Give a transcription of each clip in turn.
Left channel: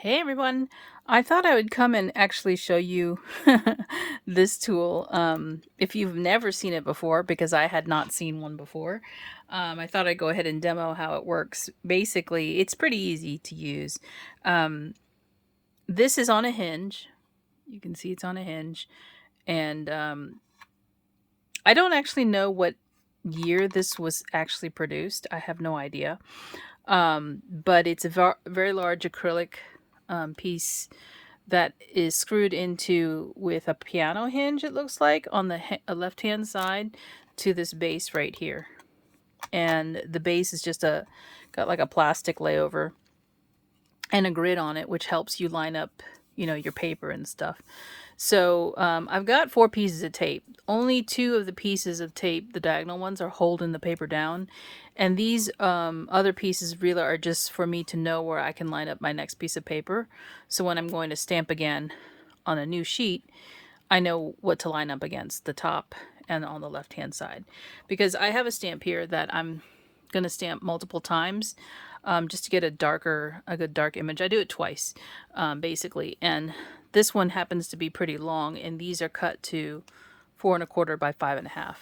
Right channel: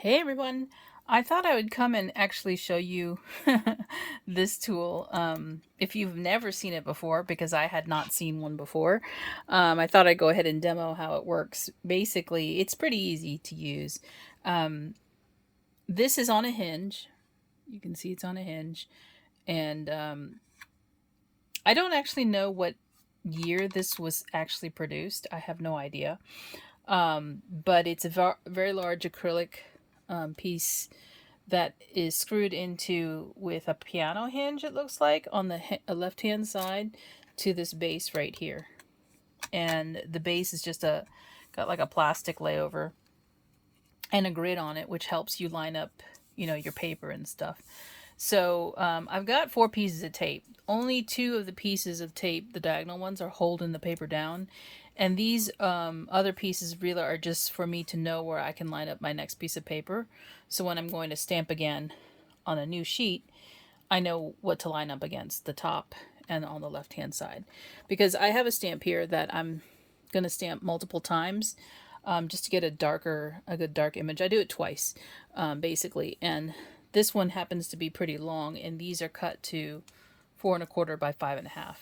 Hey everyone! I thought I would come and actually show you this tool. If you've never seen it before, because I had not seen one before, I thought I'd go ahead and demo how it works. Basically, it's pretty easy to use. Um, this is on a hinge. You can see it's on a hinge. And I don't actually know what year this was actually produced. I have no idea. But it's a very large acrylic piece that is screwed into with a piano hinge, it looks like, on the left hand side to this base right here. And the base is just got like a plastic layover and a grid on it, which helps you line up, your paper and stuff. So I've got 4 pieces of tape. Only 2 of the pieces of tape, the diagonal ones, are holding the paper down. And these other pieces really are just for me to know where I can line up my next piece of paper. So when I'm going to stamp again on a new sheet, I know what to line up against, the top and on the left-hand side. Because I have a stamp here that I'm going to stamp multiple times just to get a good dark image. I do it twice, basically. And this one happens to be pretty long, and these are cut to 4 1/4 by 5 1/2.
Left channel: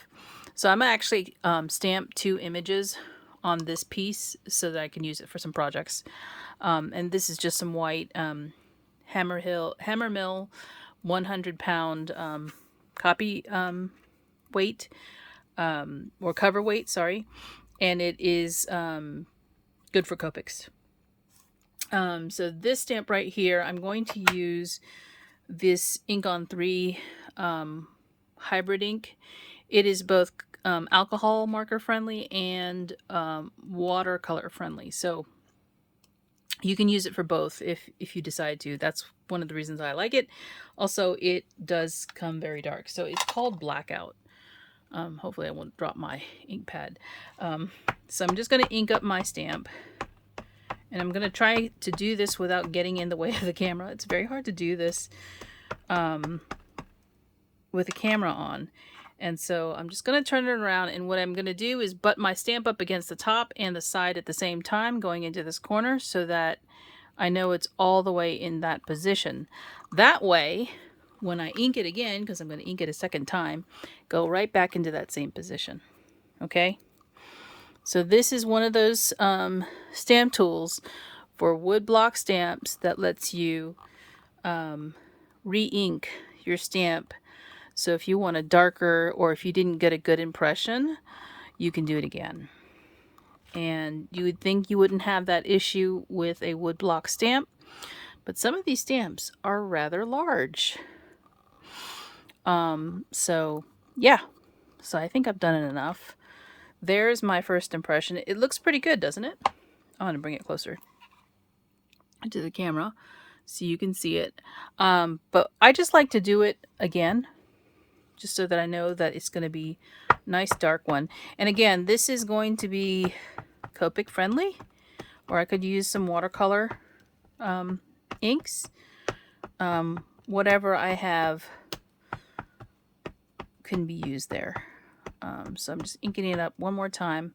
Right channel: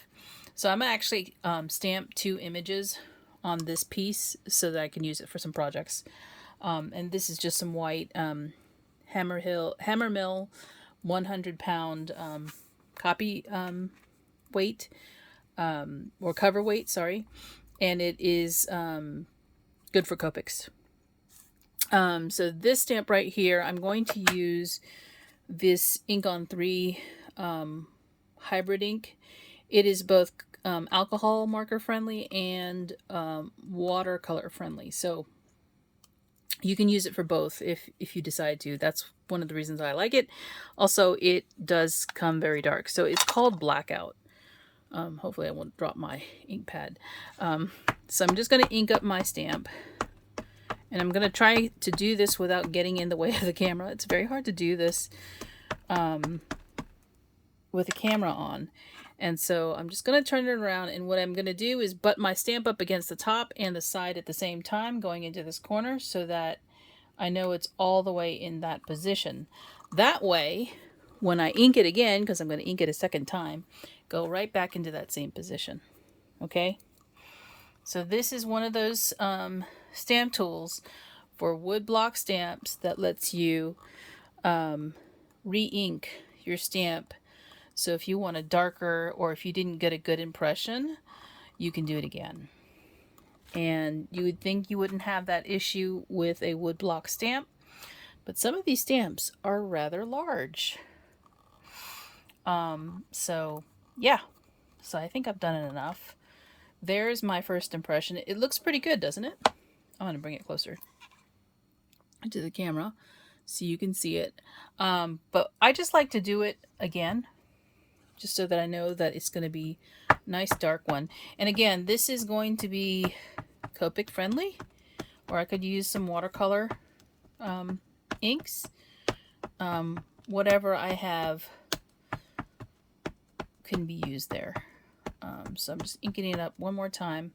So I'm actually stamp 2 images on this piece so that I can use it for some projects. And this is just some white Hammer Mill 100-pound copy weight or cover weight, sorry. And it is good for Copics. So this stamp right here, I'm going to use this ink on 3 hybrid ink. It is both alcohol marker friendly and watercolor friendly. So you can use it for both if you decide to. That's one of the reasons I like it. Also, it does come very dark. So it's called Blackout. Hopefully I won't drop my ink pad. So I'm just going to ink up my stamp. And I'm going to try to do this without getting in the way of the camera. It's very hard to do this with the camera on. And so I'm just going to turn it around. And what I'm going to do is butt my stamp up against the top and the side at the same time, going into this corner so that I know it's all the way in that position. That way, when I ink it again, because I'm going to ink it a second time, go right back into that same position. Okay? So this is one of those stamp tools for woodblock stamps that lets you re-ink your stamp. So if you want a darker, or if you didn't get a good impression, you can do it again. And you would think you wouldn't have that issue with a woodblock stamp, but some of these stamps are rather large. So yeah, so I think I've done it enough. There's my first impression. It looks pretty good, doesn't it? I want to bring it closer to the camera so you can see it. But I just like to do it again, just so that I know that it's going to be a nice dark one. And again, this is going to be Copic friendly, or I could use some watercolor inks. Whatever I have can be used there. So I'm just inking it up one more time,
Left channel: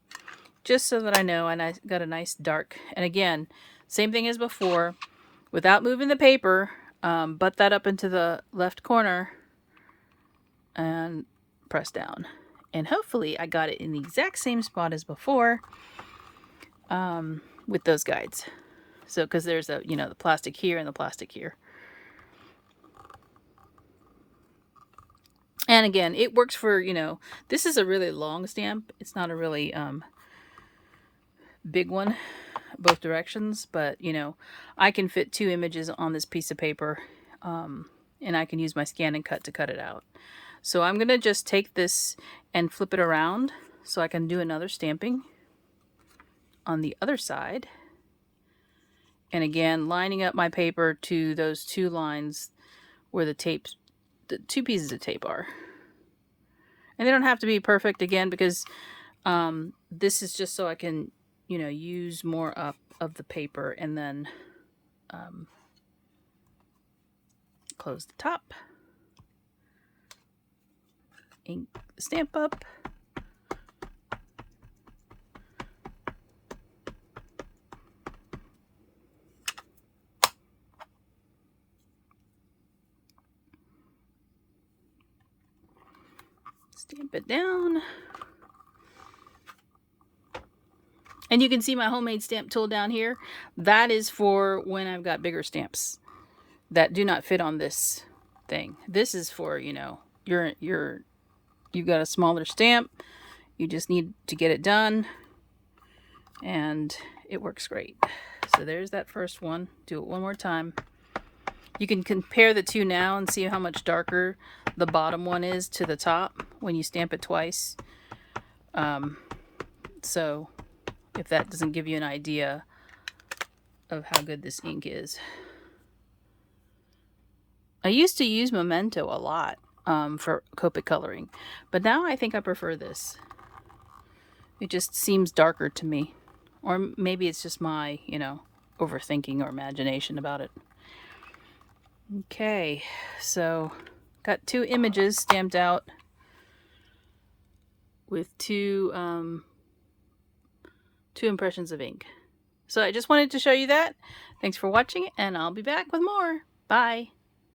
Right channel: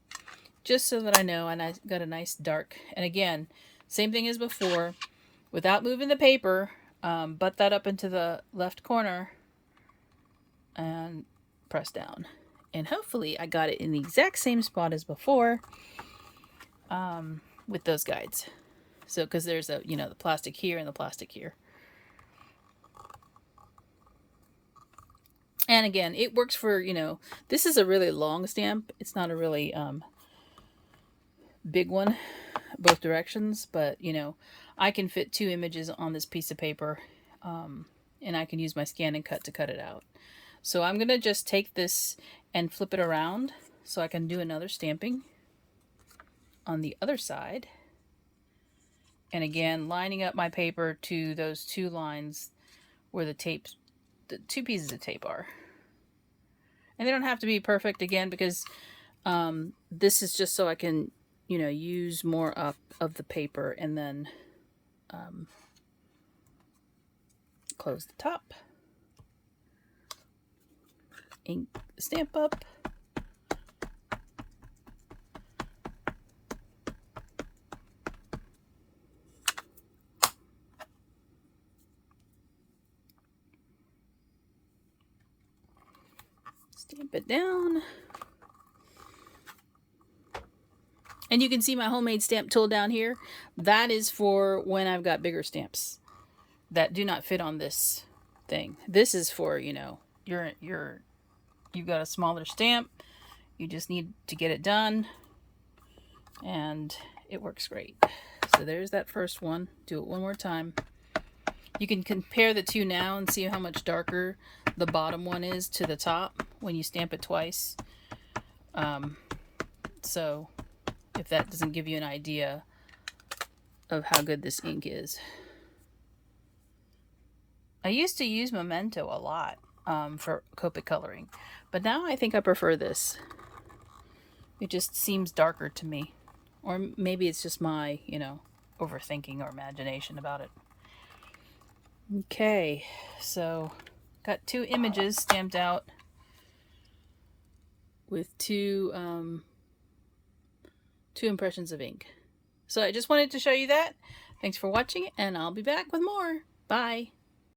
just so that I know, and I got a nice dark. And again, same thing as before, without moving the paper, butt that up into the left corner and press down. And hopefully I got it in the exact same spot as before with those guides. So, because there's the plastic here and the plastic here. And again, it works for, this is a really long stamp. It's not a really big one, both directions. But, I can fit 2 images on this piece of paper. And I can use my scan and cut to cut it out. So I'm going to just take this and flip it around so I can do another stamping on the other side. And again, lining up my paper to those 2 lines where the 2 pieces of tape are. And they don't have to be perfect, again, because this is just so I can, use more up of the paper and then close the top. Ink the stamp up. Stamp it down. And you can see my homemade stamp tool down here. That is for when I've got bigger stamps that do not fit on this thing. This is for, you know, you've got a smaller stamp. You just need to get it done. And it works great. So there's that first one. Do it one more time. You can compare the two now and see how much darker the bottom one is to the top when you stamp it twice. So if that doesn't give you an idea of how good this ink is. I used to use Memento a lot for Copic coloring, but now I think I prefer this. It just seems darker to me. Or maybe it's just my, you know, overthinking or imagination about it. Okay, so got 2 images stamped out with two impressions of ink. So I just wanted to show you that. Thanks for watching, and I'll be back with more. Bye.